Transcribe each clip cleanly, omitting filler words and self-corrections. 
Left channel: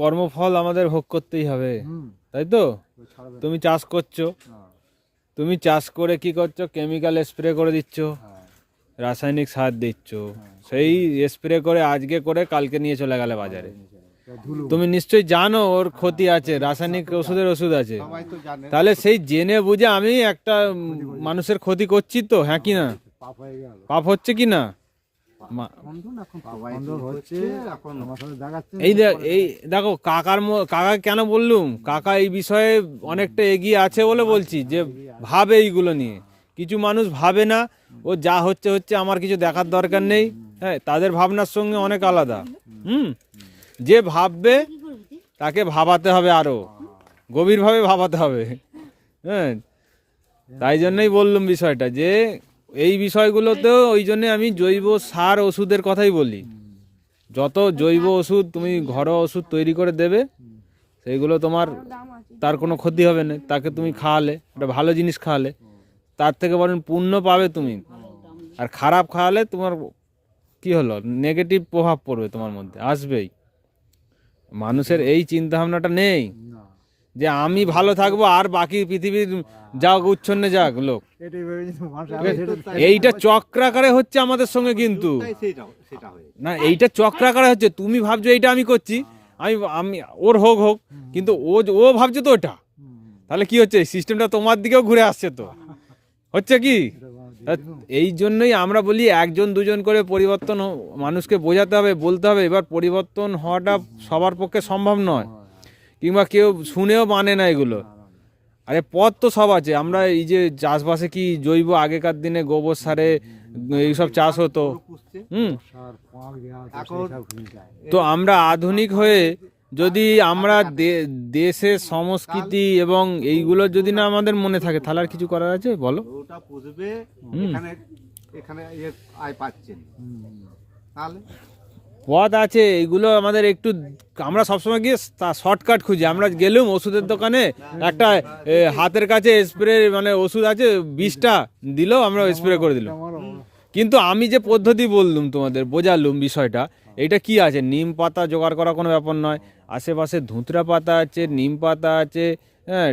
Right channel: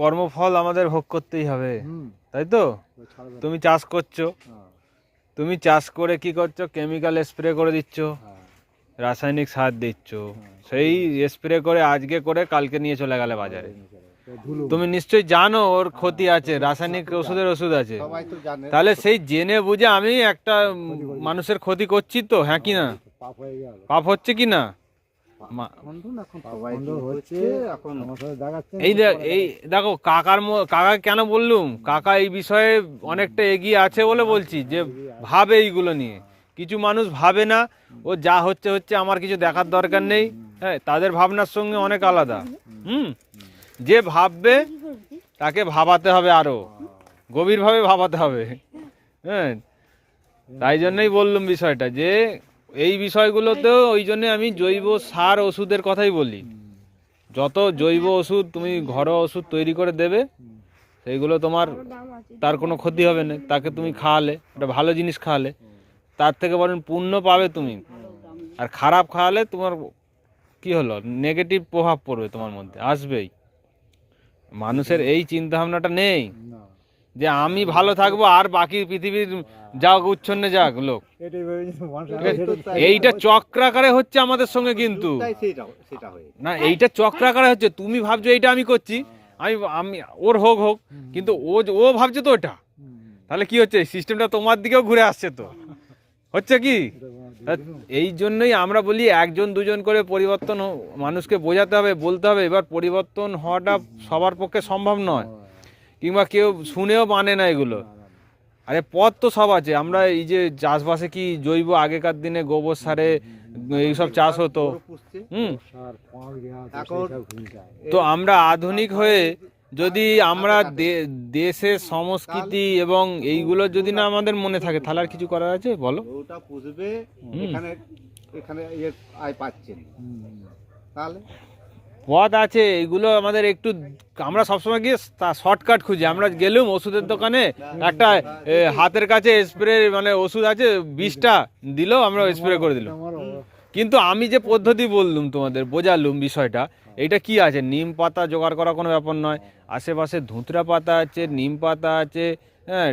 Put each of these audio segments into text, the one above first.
কর্মফল আমাদের ভোগ করতেই হবে, তাই তো? তুমি চাষ করছো, তুমি চাষ করে কি করছো? কেমিক্যাল স্প্রে করে দিচ্ছ, রাসায়নিক সার দিচ্ছ, সেই স্প্রে করে আজকে করে কালকে নিয়ে চলে গেলে বাজারে। তুমি নিশ্চয়ই জানো ওর ক্ষতি আছে, রাসায়নিক ওষুধের ওষুধ আছে। তাহলে সেই জেনে বুঝে আমি একটা মানুষের ক্ষতি করছি তো, হ্যাঁ কি না? পাপ হচ্ছে কি না? এই দেখো কাকা কেন বললুম, কাকা এই বিষয়ে অনেকটা এগিয়ে আছে বলে বলছি, যে ভাবে এইগুলো নিয়ে। কিছু মানুষ ভাবে না, ও যা হচ্ছে হচ্ছে, আমার কিছু দেখার দরকার নেই। হ্যাঁ, তাদের ভাবনার সঙ্গে অনেক আলাদা। যে ভাববে তাকে ভাবাতে হবে, আরো গভীরভাবে ভাবাতে হবে। হ্যাঁ, তাই জন্যই বললাম বিষয়টা, যে এই বিষয়গুলোতেও ওই জন্য আমি জৈব সার ওষুধের কথাই বলি। যত জৈব ওষুধ তুমি ঘরোয়া ওষুধ তৈরি করে দেবে, সেইগুলো তোমার তার কোনো ক্ষতি হবে না। তাকে তুমি খাওয়ালে, একটা ভালো জিনিস খাওয়ালে, তার থেকে বরং পুণ্য পাবে তুমি। আর খারাপ খাওয়ালে তোমার কি হলো, নেগেটিভ প্রভাব পড়বে তোমার মধ্যে, আসবেই। মানুষের এই চিন্তা ভাবনাটা নেই যে আমি ভালো থাকবো আর বাকি পৃথিবীর যাক উচ্ছন্নে যাক লোক। এইটা চক্রাকারে হচ্ছে আমাদের সঙ্গে, কিন্তু না, এইটা চক্রাকারে হচ্ছে। তুমি ভাবছো এইটা আমি করছি, আমি আমি ওর হোক হোক, কিন্তু ও ভাবছে তো ওটা। তাহলে কি হচ্ছে, সিস্টেমটা তোমার দিকেও ঘুরে আসছে তো, হচ্ছে কি? এই জন্যই আমরা বলি একজন দুজন করে পরিবর্তন মানুষকে বোঝাতে হবে, বলতে হবে। এবার পরিবর্তন হওয়াটা সবার পক্ষে সম্ভব নয়, কিংবা কেউ শুনেও মানে না এগুলো। আরে পথ তো সব আছে। আমরা এই যে চাষবাসে কি জৈব, আগেকার দিনে গোবর সারে এইসব চাষ হতো। তো আমরা আধুনিক হয়ে যদি আমরা দেশের সংস্কৃতি এবং এইগুলো যদি না আমাদের মনে থাকে, তাহলে আর কিছু করার আছে বলো? পথ আছে, এগুলো আমাদের একটু, আমরা সবসময় গিয়ে শর্টকাট খুঁজি। আমরা গেলুম ওষুধের দোকানে, একটা হাতের কাছে স্প্রে মানে ওষুধ আছে, 20টা দিল, আমরা স্প্রে করে দিলাম। কিন্তু আমি যে পদ্ধতি বললুম তোমাদের, বোঝালুম বিষয়টা, এইটা কি আছে, নিম পাতা জোগাড় করা কোনো ব্যাপার নয়। আশেপাশে ধুতরা পাতা আছে, নিম পাতা আছে, হ্যাঁ,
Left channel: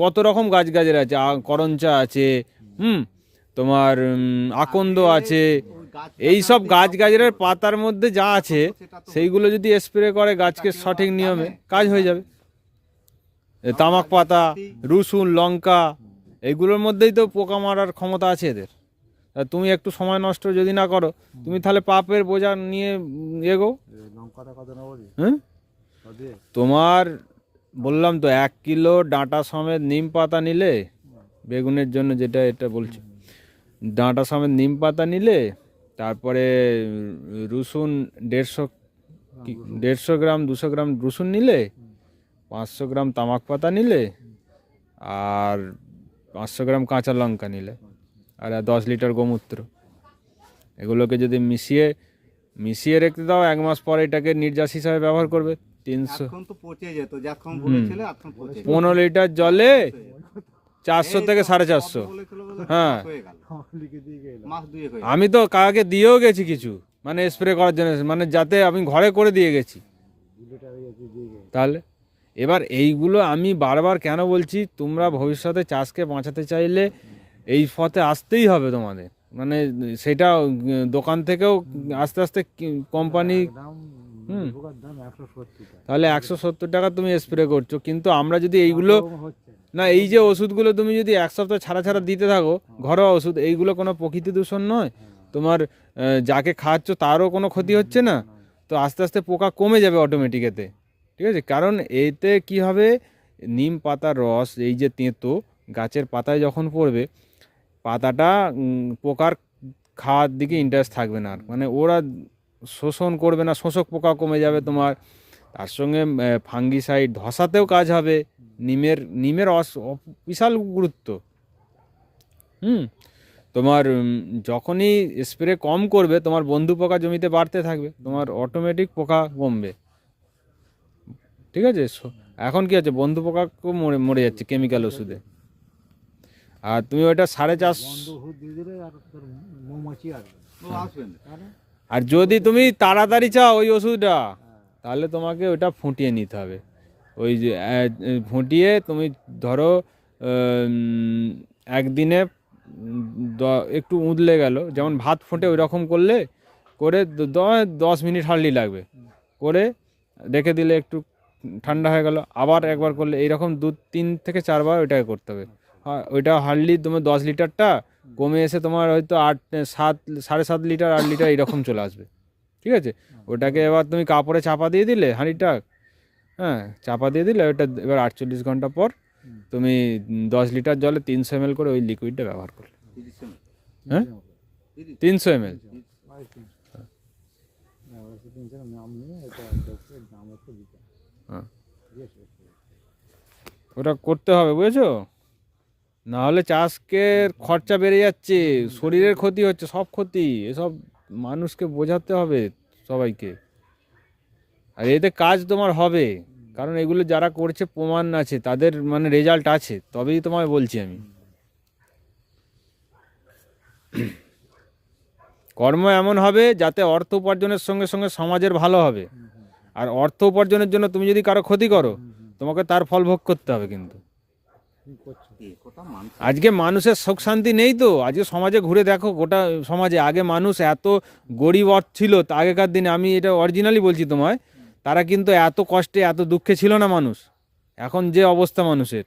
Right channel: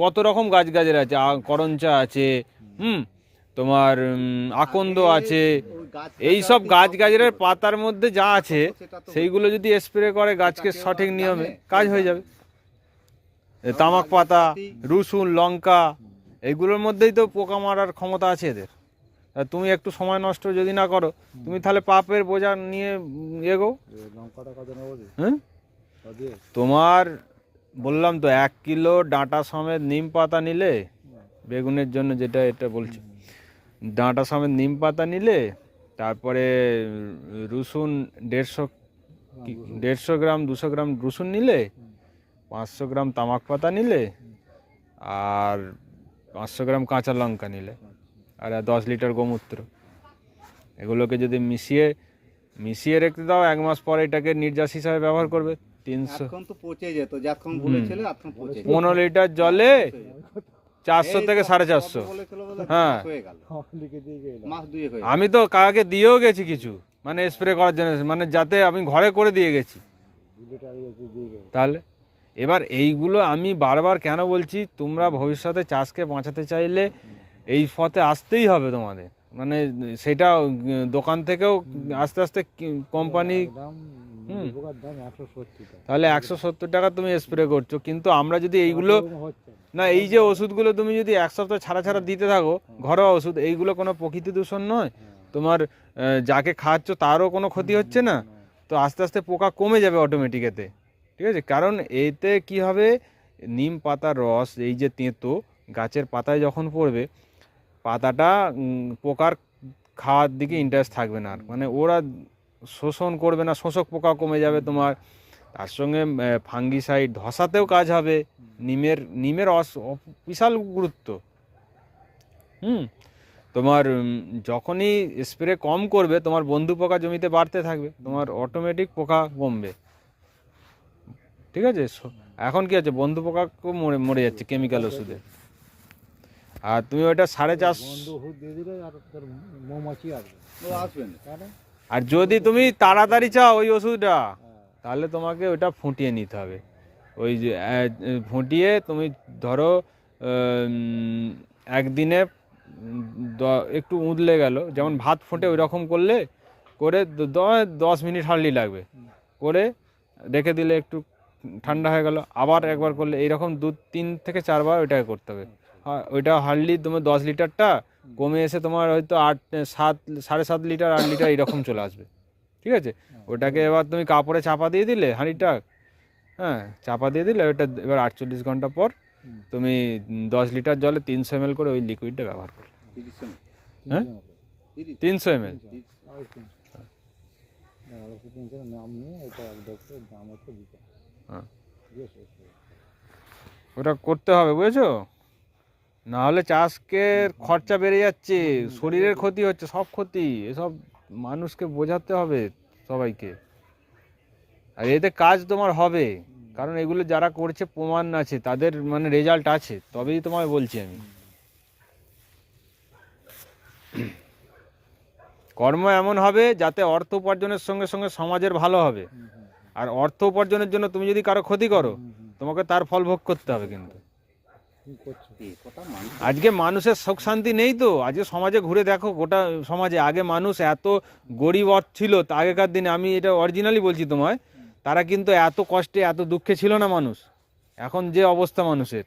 কত রকম গাছ গাছের আছে, করঞ্চা আছে, তোমার আকন্দ আছে। এই সব গাছ গাছের পাতার মধ্যে যা আছে, সেইগুলো যদি স্প্রে করে গাছকে সঠিক নিয়মে, কাজ হয়ে যাবে। তামাক পাতা, রসুন, লঙ্কা, এইগুলোর মধ্যেই তো পোকা মারার ক্ষমতা আছে এদের। তুমি একটু সময় নষ্ট যদি না করো, তুমি তাহলে পাপের বোঝা নিয়ে এগো। তোমার বললাম তো, 1 কিলো ডাঁটা সমেত নিম পাতা নিলে, বেগুনের জন্য যেটা এটা বলছি, ডাঁটা সমেত নিম পাতা নিলে, তারপরে রসুন 150 গ্রাম 200 গ্রাম রসুন নিলে, 500 গ্রাম তামাক পাতা নিলে, আর 500 গ্রাম কাঁচা লঙ্কা নিলে, আর 10 লিটার গোমূত্র, এগুলোকে যদি মিশিয়ে রেখে দাও, 1 মাস পরে এটাকে নির্যাস হিসাবে ব্যবহার করবে। 15 লিটার জলে 400 থেকে 450। হ্যাঁ, আমি তো কাকাকে দিয়েও গেছি কিছু, মানে স্প্রে করার জন্য, মানে যাতে আমি ঘরে করে দিয়ে গেছি। তাহলে এবার এইগুলো আমি বারবার কেন বলছি, তোমরা ভবিষ্যতে চাষকে বাঁচাতে চাইলে এই পথে আসতেই হবে তোমাদের। মানে সেটা দোকান থেকেও আস্তে আস্তে কোম্পানি, তাহলে 170 টাকা তুমি স্প্রে করছো। কিন্তু আমরা যদি এইগুলো না, এই যে ওষুধগুলো তুমি যদি 1 সপ্তাহ ছাড়া ছাড়া দিতে থাকো, ঘরোয়া ওষুধ, এইগুলো কোনো প্রকৃতি দূষণ নয়, তোমার যাকে খাওয়াচ্ছ তারও কোনো ক্ষতি হচ্ছে না। তো আস্তে আস্তে পোকা কমে যাবে অটোমেটিক এতে, ঠিক আছে? কারণ এতে কি হবে, নিম পাতার রস, এই যে তেঁতো গাছের পাতায় যখন পড়বে, পাতাটা পোকার খাওয়ার দিকে ইন্টারেস্ট থাকবে না, মানে ওরা শোষণ করবে না, শোষক পোকা কমে যাবে তোমার। তার সঙ্গে ফাঙ্গিসাইড, ধসাতেও কাজ হবে। নিমের বিশাল গুরুত্ব। তোমার যখনই স্প্রে কম করবে, তোমার বন্ধু পোকা জমিতে বাড়তে থাকবে, তোমার অটোমেটিক পোকা কমবে, ঠিক আছে? এখন কি আছে, বন্ধু পোকা মরে যাচ্ছে কেমিক্যাল ওষুধে। আর তুমি ওইটা 450, আর যদি তুমি তাড়াতাড়ি চাও ওই ওষুধটা, তাহলে তোমাকে ওটা ফুটিয়ে নিতে হবে। ওই যে ফুটিয়ে তুমি ধরো একদিনে একটু উদলে গেল, যেমন ভাত ফুটে ওই রকম করলে করে 10 মিনিট হার্ডলি লাগবে, করে রেখে দিলে একটু ঠান্ডা হয়ে গেল, আবার একবার করলে এইরকম 2-3 থেকে 4 বার ওইটাকে করতে হবে। ওইটা হার্ডলি তোমার 10 লিটারটা কমে এসে তোমার হয়তো 7.5 লিটার 8 লিটার এইরকম চলে আসবে। ঠিক আছে, ওটাকে এবার তুমি কাপড়ে চাপা দিয়ে দিলে হাঁড়িটা, হ্যাঁ চাপা দিয়ে দিলে ওটা এবার 48 ঘন্টা পর তুমি 10 লিটার জলে 300 ml করে ওই লিকুইডটা ব্যবহার করলে। হ্যাঁ 300 ml। হ্যাঁ ওটা করতে হবে, বুঝেছো? না হলে চাষকে খরচা বেড়ে যাচ্ছে, শরীরের ক্ষতি হচ্ছে, সব ক্ষতি, এসব মানুষকে বোঝাতে হবে সবাইকে। আর এতে কাজ তোমার হবে, কারণ এগুলো যারা করছে প্রমাণ আছে, তাদের মানে রেজাল্ট আছে, তবেই তোমায় বলছি আমি। কর্ম এমন হবে যাতে অর্থ উপার্জনের সঙ্গে সঙ্গে সমাজের ভালো হবে। আর অর্থ উপার্জনের জন্য তুমি যদি কারো ক্ষতি করো, তোমাকে তার ফল ভোগ করতে হবে। কিন্তু আজকে মানুষের সুখ শান্তি নেই তো। আজকে সমাজে ঘুরে দেখো, গোটা সমাজে আগে মানুষ এত গরিব ছিল, আগেকার দিনে, আমি এটা অরিজিনালি বলছি তোমায়, তারা কিন্তু এত কষ্টে এত দুঃখে ছিল না মানুষ। এখন যে অবস্থা মানুষের,